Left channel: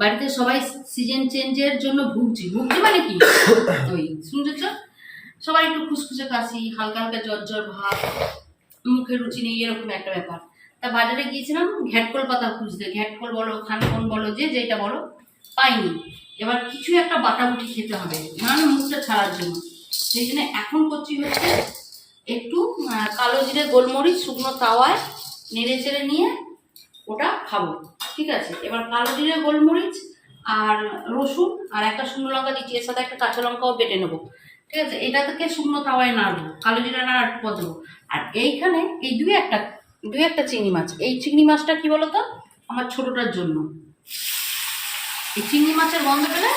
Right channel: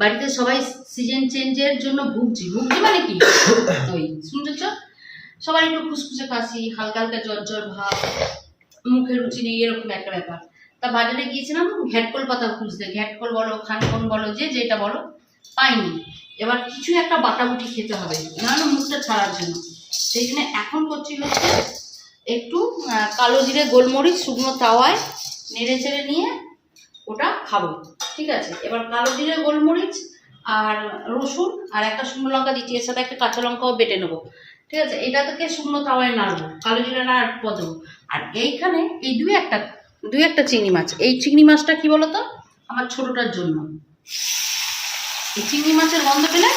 বাড়িতে সবাই সিজন চেঞ্জের জন্য ভুগছি মানে কি ওই শুনছ, সবাই একটু খুসখুসে কাশি, হালকা হালকা জ্বর জ্বর ভাব, মুখে রুচি নেই, এরকম একটা ব্যাপার। তা বাজারে গিয়েছিলাম ঘ্যাটকল পাতা খুঁজতে, ঘ্যাটকল বলো খানকন বলো যেটা বলো, পাইনি। এবার কিছু একটা বাটাবুটি খেতে হবে মানে মুখটা ছাড়ার জন্য। সেই জন্য এখন করছি হচ্ছে একটু কালো জিরে গোলমরিচ শুকনো তাওয়ায় নেড়ে চেড়ে নিয়ে ওটা খাবো, ঠিক আছে। এবার কালো জিরে গোলমরিচ আর রসুন আর একটা শুকনো লঙ্কা দিচ্ছি, এর সাথে একটা কাঁচা লঙ্কাও বেটে নেবো, ঠিক আছে। এটা থেকে শুকনো তাওয়ায় নাড়বো, কালো জিরে নাড়া পর দেবো। আর এইখানে এই দুই একটা চিংড়ি মাছ, এই চিংড়ি মাছটা কি বলতো আমার ছোটটার জন্য। এই চিংড়ি মাছের গন্ধ পেলে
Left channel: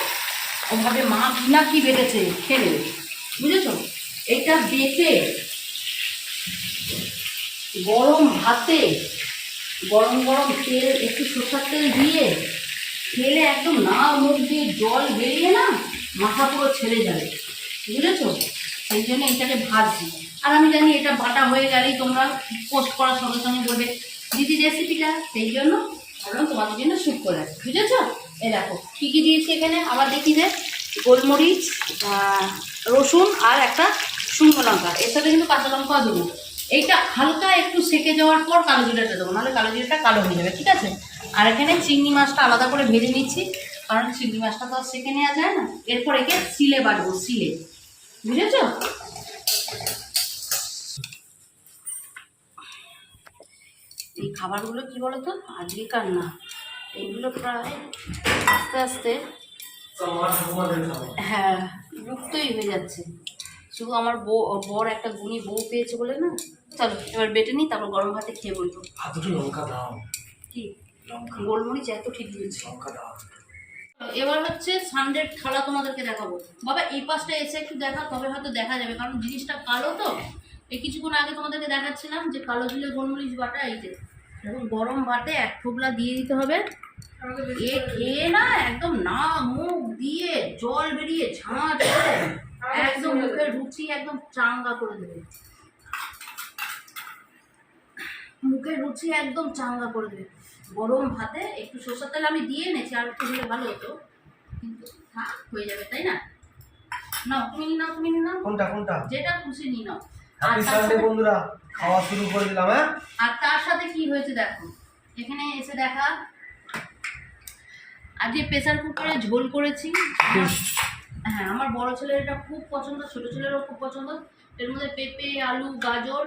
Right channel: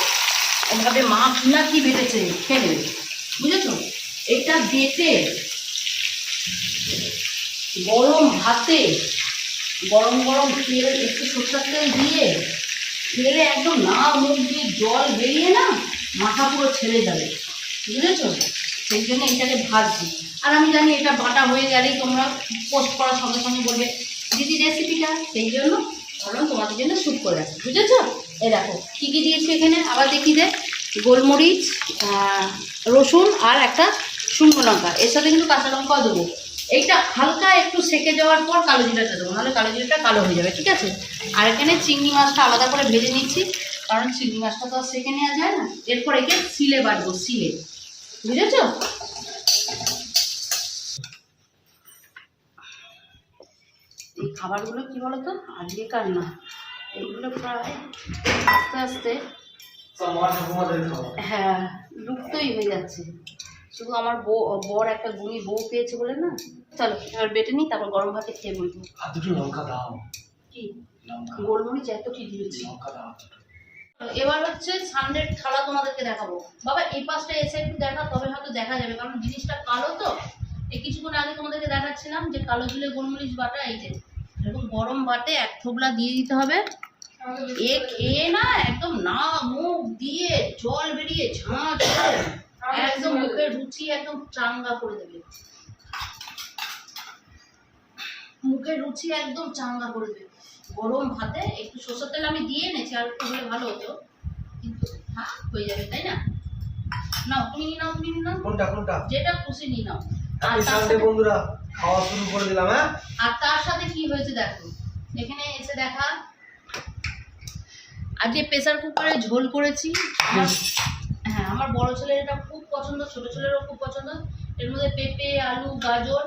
ওভাবে মা ঘিনা কি বেটেছে খেলে, বুঝেছো। এইটা বেটে গরম ভাতে গরম গরম তেল একটু সরষের তেল দিয়ে খেলে একদম না মুখ দিয়ে জল বেরিয়ে না মাথা পুরো ছেড়ে যাবে, বুঝেছো। সেই জন্য এটাকে ভাজছি। আর আমি জানি এটা বাটা হয়ে গেলেই তোমরা পোস্ট করার সঙ্গে সঙ্গে বলবে দিদি রেসিপিটা, সেই জন্য ভাবলাম তোমাদের জন্য শ্যুট করে রাখি, বুঝেছো। এই দেখো কী কী দিয়েছি এখানে আবার দেখি যে গোলমরিচ, রসুন আর একটা শুকনো লঙ্কা, এর সাথে কিন্তু কাঁচা লঙ্কাও দেবো। এইটা হালকা একটু সেকে যাওয়ার পর কালো জিরাটা দেবো, নাহলে কালো জিরাটা কালো হয়ে যাবে, ঠিক আছে। আর এখানে চিংড়ি মাছটা আলাদা করে ভেজে নিচ্ছি, কারণ চিংড়ি মাছটা তো আর সেকে নেওয়া যায় না। এরপর একে সিলে বাটবো, সিলে, বুঝেছো। এই খাবারগুলো কি বলতো আজকেকার না, এইগুলো প্রায় আস্তে আস্তে হ্যাঁ লুপ্তই হয়ে যাচ্ছে। শুধু আমার বর একটা গুণী বউ পেয়েছে বলে না। চলো এবার বেটে নিই, তারপর গরম ভাতে খেয়ে বলবো। দুটো লঙ্কা দাও, কি গোলমরিচ এত ঠিক দিয়েছি। এবার হচ্ছে সানডের থালা তোমাদেরকে দেখাবো। বাবা এই পাশটা এসে একটু দেখা, তবে হয়তো দেখা যাবে, কারণ জিনিসটা কালো তো। এই কিছুক্ষণ আগে তোমাদেরকে দেখাচ্ছিলাম যে কালো জিরে গোলমরিচ বাটা, এই যে এরকম গরম বাটে এক থোবলা দিয়ে দিতে হবে। এ খেয়ে না একদম না মুখ দিয়ে জল বেরিয়ে ঝাঁঝ করে একদম মুখের রুচি একদম চাঙ্গা করে দেবে, মুখের রুচি একদম চাঙ্গা করে দেবে। গরম ভাতে একটু সরষের তেল আমি দিয়ে এনেছি, আর একটু হলে ভালো হতো, কিন্তু হ্যাঁ হয়ে যাবে, তাই না। নাও তুমি নাও, তুমি নাও, কোনটা কোনটা যেটা খুশি নিয়ে নাও। আর হ্যাপি তার সানডে সাথে বন্ধুরা, খাওয়া শুরু করে দিলাম। হ্যাঁ, আর তার সাথে কি হয়েছে দেখো, এখানে এসে দেখা আজকে প্রেসার কুকারে ঝোল করেছি। হ্যাঁ আমার বড় ছেলের এটা খুব পছন্দ, ছোট ছেলেরও খুব পছন্দ। এর মধ্যে পেঁপে আলু গাজর,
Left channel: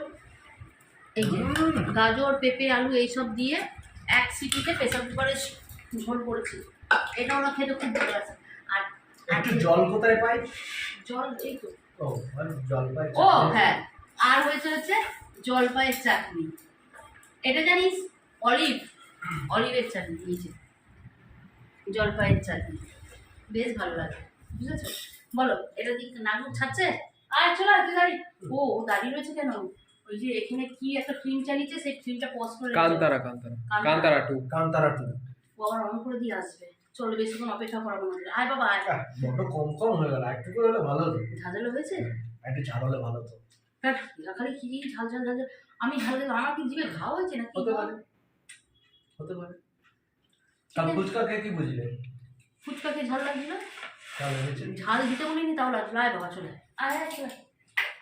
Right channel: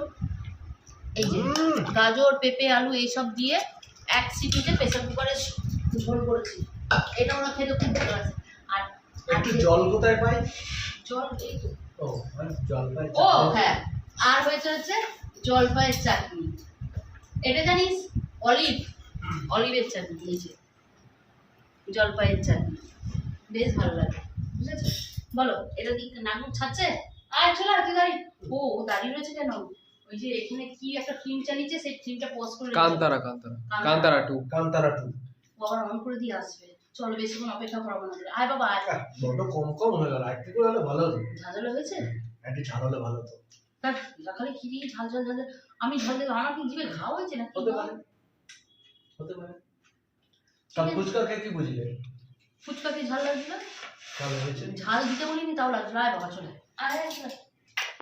এই যে গাজর পেঁপে আলু এইসব দিয়ে এক সিটিতে প্রেসার কুকারে ঝোল করেছি। এটা ওরা খেতে খুব ভালোবাসে। আর একটু জল কোথায় পাই? জল এই তো, ও জলপাই। ও হ্যাঁ, আর হচ্ছে জলপাইয়ের চাটনি। এটা জানিস অলিভের চাটনি, এই যে জলপাইয়ের চাটনি বেশ ভালো লাগে, বুঝেছো। বলো এটা দিক নাগু ছাড়ছে, আর চলো তুই দাঁড়িয়ে, ও দাঁড়িয়ে রয়েছে কেন, ওই যে এখানে কি একটা ফিল্ম চালিয়েছে, সেই ফিল্মটা পজ করে কান্তারা 2 ও আবার অন করে দিয়ে আসবে। চলো বেশিক্ষণ অপেক্ষা করাবো না, আয় বাবা আয়। বড্ড কম কম হয়ে গেল, একটু করে হলে ভালো হতো। ঝাঁঝালো হয়েছে, একটু ঝাল হলে ভালো হতো। তার এরা খালি কি দিয়ে ঝাল ঝাল ঝাল ঝাল। আমি ঝাল দেবো, আমার কি জিভে ঘা হয়েছে না? হতে পারে, হতে পারে। কাল ফুচকা খেয়ে কি বুঝলে? ফুচকা খেয়ে ঝাল লাগছিল, ঝাল হয়েছে। ঝাল দিতে বলিনি তাও লাগছিল। আয় বাবা চলে আয়, আয় চলে।